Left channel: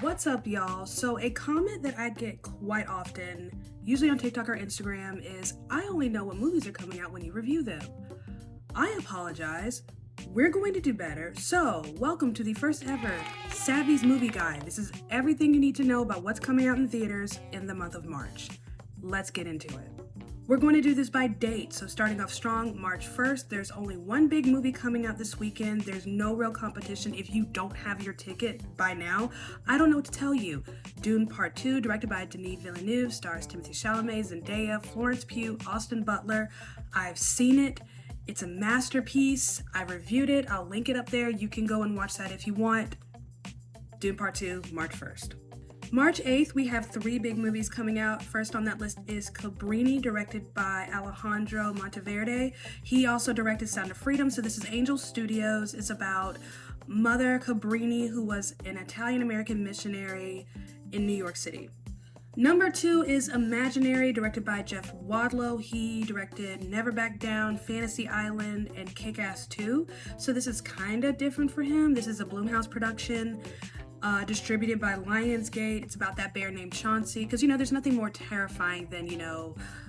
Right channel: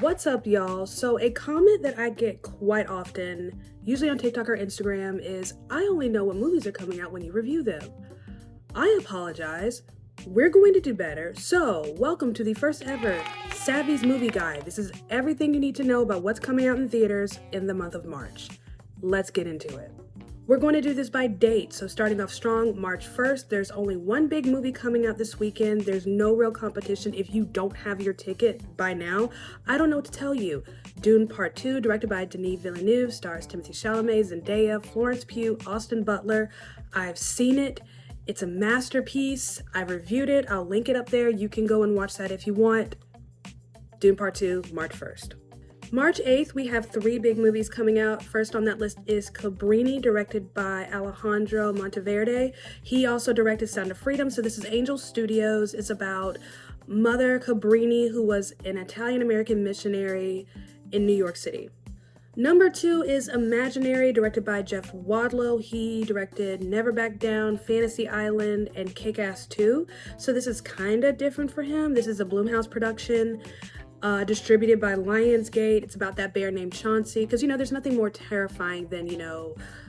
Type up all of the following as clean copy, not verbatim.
What's up, y'all? So a comment that I get quite often, usually on TikTok or Instagram, is I only know what movies are coming out when you review them. I apologize. We're going to do better. So welcome to the first ever Savvy's Movie Guide. This is everything you need to know about what's coming out in theaters in the month of March. Let's get into it. We're going to do this by date, so starting off strong, March 1st, there's only one big movie coming out this weekend. There's no real competition. If you don't have your ticket by now, I don't know what to tell you. Dune Part 2, directed by Denis Villeneuve, stars Timothée Chalamet, Zendaya, Florence Pugh, Austin Butler. I've seen it. It's a masterpiece. I reviewed it. I'll link it up there. You can go and watch that if you want. Dune Part 2, March 1st. March 8th, we have three big movies coming out. First on that list is Cabrini, directed by Alejandro Monteverde. He also directed Sound of Freedom, so this is Angel Studios. It's about Mother Cabrini, who was an Italian-American missionary in New York City. Number 2 is Imaginary, directed by Jeff Wadlow. He directed Never Back Down, Fantasy Island, and Kick-Ass 2. So this is kind of different for him. This is a Blumhouse production. Distributed by Lionsgate. It's about that bear named Chauncey, because there's nothing more terrifying than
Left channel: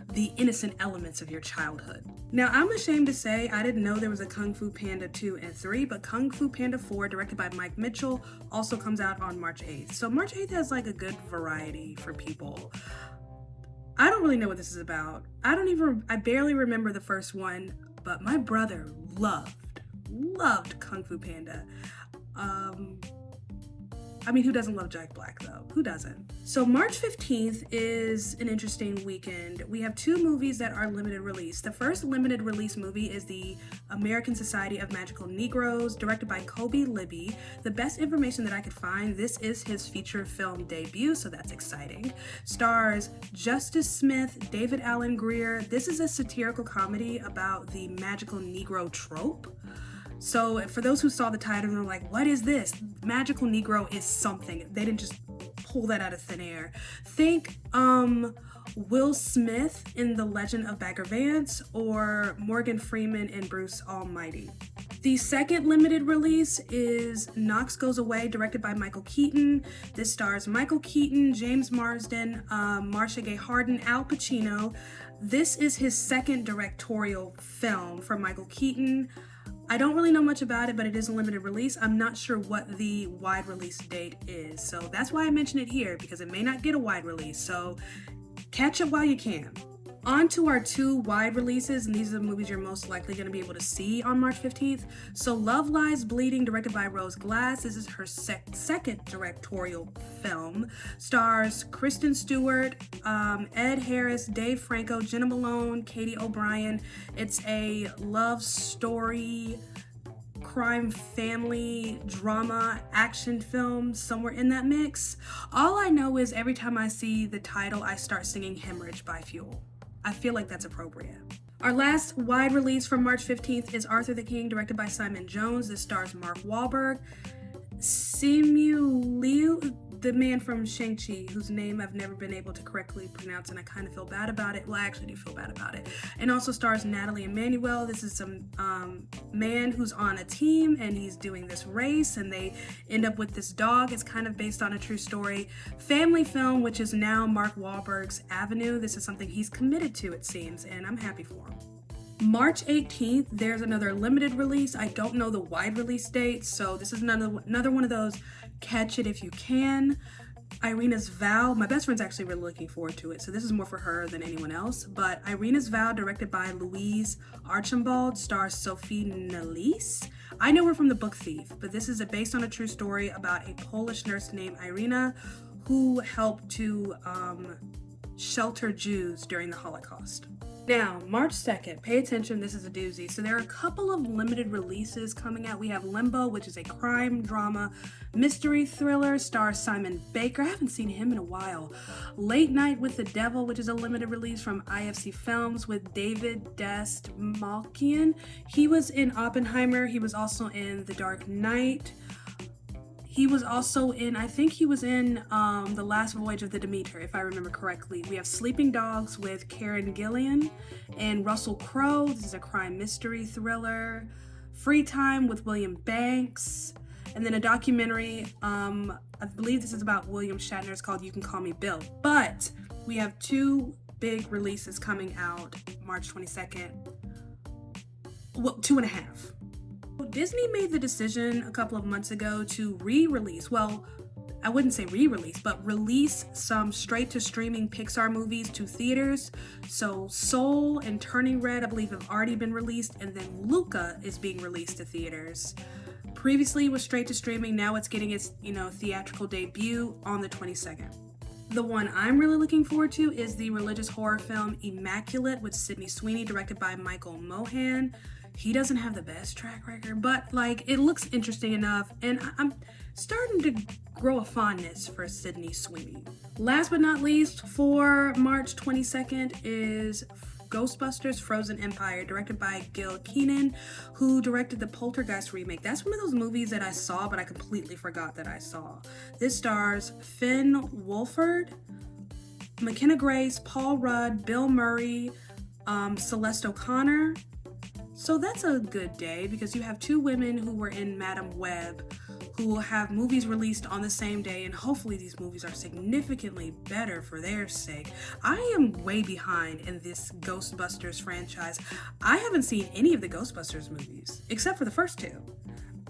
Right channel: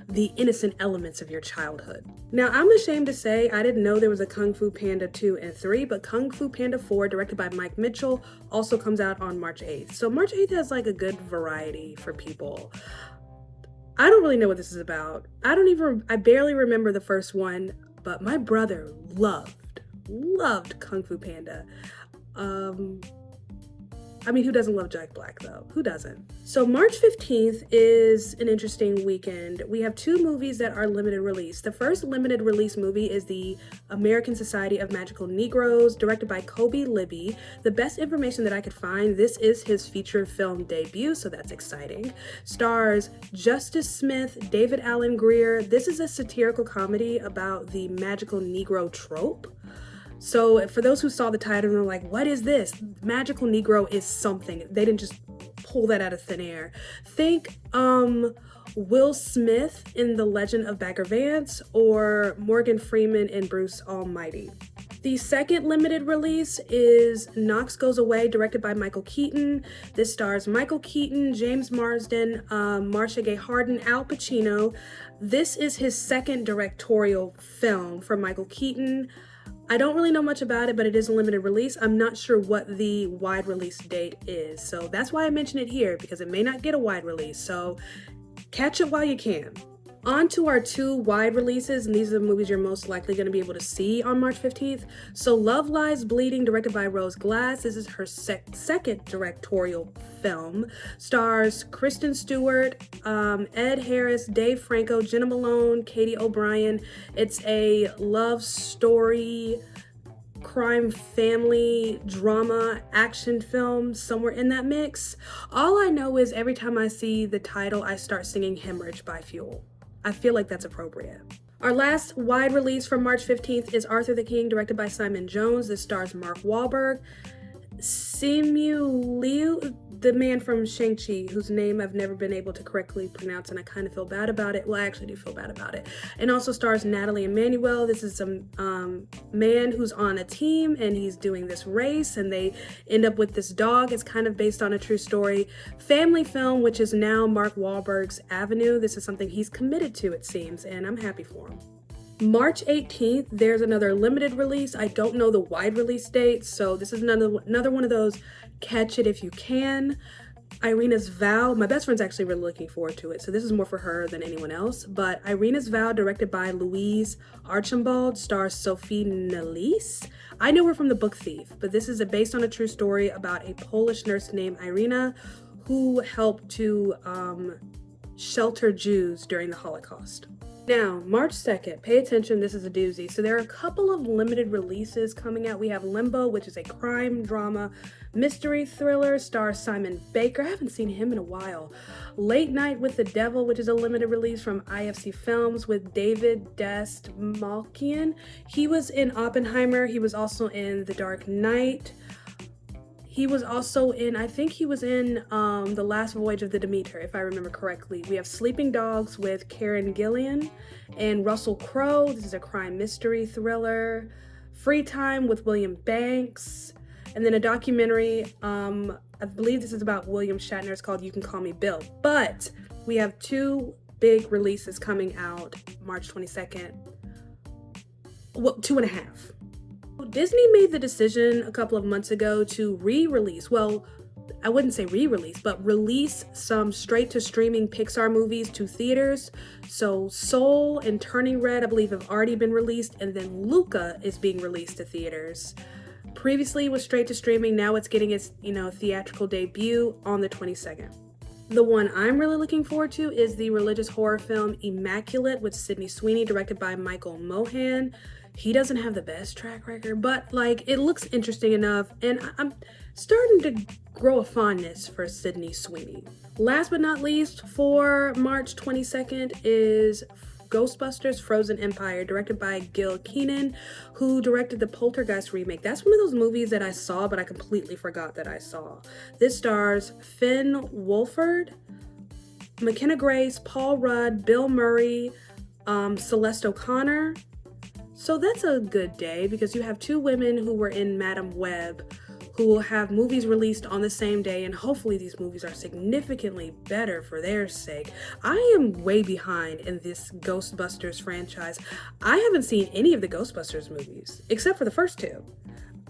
the innocent elements of your childhood. Now, I'm ashamed to say I didn't know there was a Kung Fu Panda 2 and 3, but Kung Fu Panda 4, directed by Mike Mitchell, also comes out on March 8th. So March 8th has like a good variety for people. I don't really know what this is about. I barely remember the first one, but my brother loved Kung Fu Panda. Who doesn't love Jack Black, though? Who doesn't? So March 15th is an interesting weekend. We have two movies that are limited release. The first limited release movie is the American Society of Magical Negroes, directed by Kobe Libby. The best information that I could find, this is his feature film debut, so that's exciting. Stars Justice Smith, David Alan Grier. This is a satirical comedy about the magical Negro trope. So for those who saw the title and are like, what is this? Magical Negro is something. They didn't just pull that out of thin air. Think Will Smith in The Legend of Bagger Vance or Morgan Freeman in Bruce Almighty. The second limited release is Knox Goes Away, directed by Michael Keaton. This stars Michael Keaton, James Marsden, Marcia Gay Harden, Al Pacino. This is his second directorial film for Michael Keaton. I don't really know much about it, but it is a limited release. I'm not sure what the wide release date is. So that's why I mention it here, because it may not get a wide release. So catch it while you can. On to our two wide releases, and these are the movies you're most likely going to be able to see on March 15th. So Love Lies Bleeding, directed by Rose Glass. This is her second directorial film. Stars Kristen Stewart, Ed Harris, Dave Franco, Jenna Malone, Katie O'Brien. It's a love story, crime, family, drama, action film, somewhere in that mix. All I know is every time I see the title, I start singing Hemorrhage by Fuel. I feel like that's appropriate. Our last wide release from March 15th is Arthur the King, directed by Simon Jones. This stars Mark Wahlberg, Simu Liu, the man from Shang-Chi, whose name I've never been able to correctly pronounce, and I kind of feel bad about it. Well, I actually do feel bad about it. And also stars Natalie Emmanuel. This is a man who's on a team, and he's doing this race, and they end up with this dog. It's kind of based on a true story. Family film, which is now Mark Wahlberg's avenue. This is something he's committed to, it seems, and I'm happy for him. March 18th, there's another limited release. I don't know the wide release date, so this is another one of those catch it if you can. Irena's Vow. My best friend's actually really looking forward to it, so this is more for her than anyone else. But Irena's Vow, directed by Louise Archambault, stars Sophie Nélisse. I knew her from The Book Thief, but this is based on a true story about a Polish nurse named Irena who helped to shelter Jews during the Holocaust. Now, March 2nd, pay attention, this is a doozy. So there are a couple of limited releases coming out. We have Limbo, which is a crime drama mystery thriller, stars Simon Baker. I haven't seen him in a while. Late Night with the Devil, which is a limited release from IFC Films with David Dastmalchian. He was in Oppenheimer. He was also in The Dark Knight. He was also in, I think he was in The Last Voyage of the Demeter, if I remember correctly. We have Sleeping Dogs with Karen Gillan and Russell Crowe. This is a crime mystery thriller. Free Time with William Banks. And then a documentary, I believe this is about William Shatner. It's called You Can Call Me Bill. But we have two big releases coming out March 22nd. Well, 2.5. Disney made the decision a couple of months ago to re-release, well, I wouldn't say re-release, but release some straight-to-streaming Pixar movies to theaters. So Soul and Turning Red, I believe, have already been released, and then Luca is being released to theaters. Previously it was straight-to-streaming, now it's getting its, theatrical debut on the 22nd. The one I'm really looking forward to is the religious horror film Immaculate with Sydney Sweeney, directed by Michael Mohan. He doesn't have the best track record, but it looks interesting enough, and I'm starting to grow a fondness for Sydney Sweeney. Last but not least, for March 22nd is Ghostbusters Frozen Empire, directed by Gil Kenan, who directed the Poltergeist remake. That's one of those movies that I saw, but I completely forgot that I saw. This stars Finn Wolfhard, McKenna Grace, Paul Rudd, Bill Murray, Celeste O'Connor. So that's a good day because you have two women who were in Madam Web who will have movies released on the same day, and hopefully these movies are significantly better for their sake. I am way behind in this Ghostbusters franchise. I haven't seen any of the Ghostbusters movies except for the first two.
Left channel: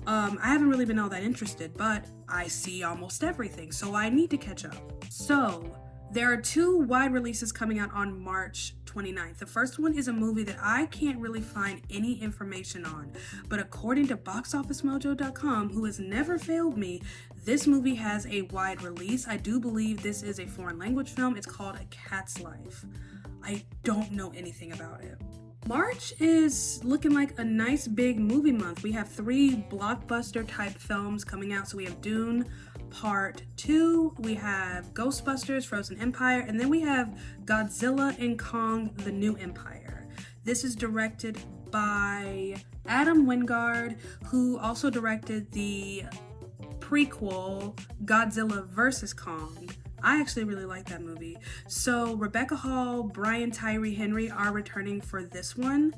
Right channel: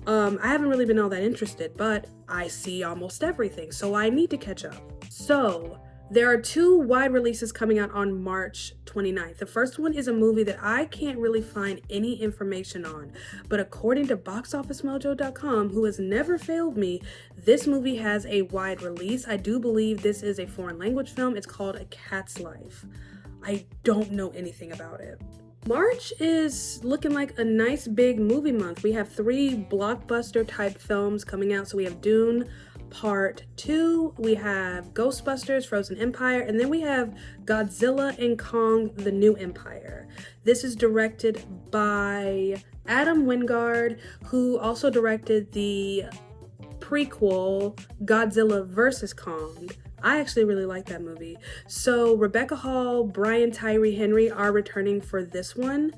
I haven't really been all that interested, but I see almost everything, so I need to catch up. So there are two wide releases coming out on March 29th. The first one is a movie that I can't really find any information on, but according to boxofficemojo.com, who has never failed me, this movie has a wide release. I do believe this is a foreign language film. It's called A Cat's Life. I don't know anything about it. March is looking like a nice big movie month. We have 3 blockbuster type films coming out. So we have Dune Part 2, we have Ghostbusters Frozen Empire, and then we have Godzilla and Kong The New Empire. This is directed by Adam Wingard, who also directed the prequel Godzilla vs. Kong. I actually really like that movie. So Rebecca Hall, Brian Tyree Henry are returning for this one.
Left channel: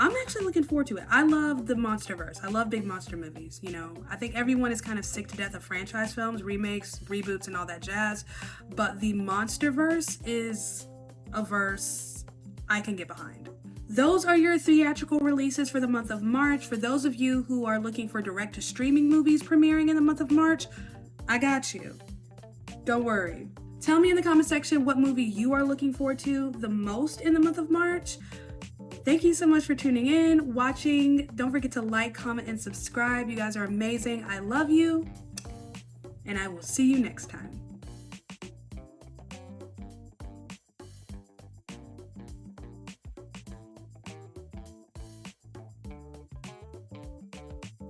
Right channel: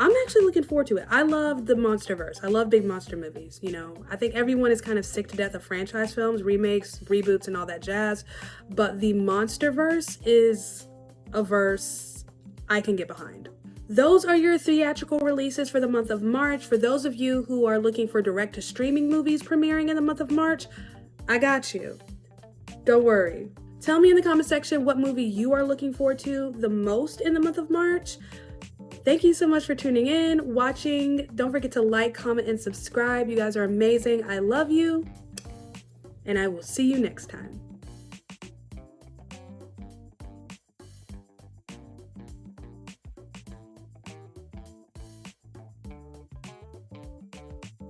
I'm actually looking forward to it. I love the Monsterverse. I love big monster movies, I think everyone is kind of sick to death of franchise films, remakes, reboots, and all that jazz. But the Monsterverse is a verse I can get behind. Those are your theatrical releases for the month of March. For those of you who are looking for direct-to-streaming movies premiering in the month of March, I got you. Don't worry. Tell me in the comment section what movie you are looking forward to the most in the month of March. Thank you so much for tuning in, watching. Don't forget to like, comment, and subscribe. You guys are amazing. I love you. And I will see you next time.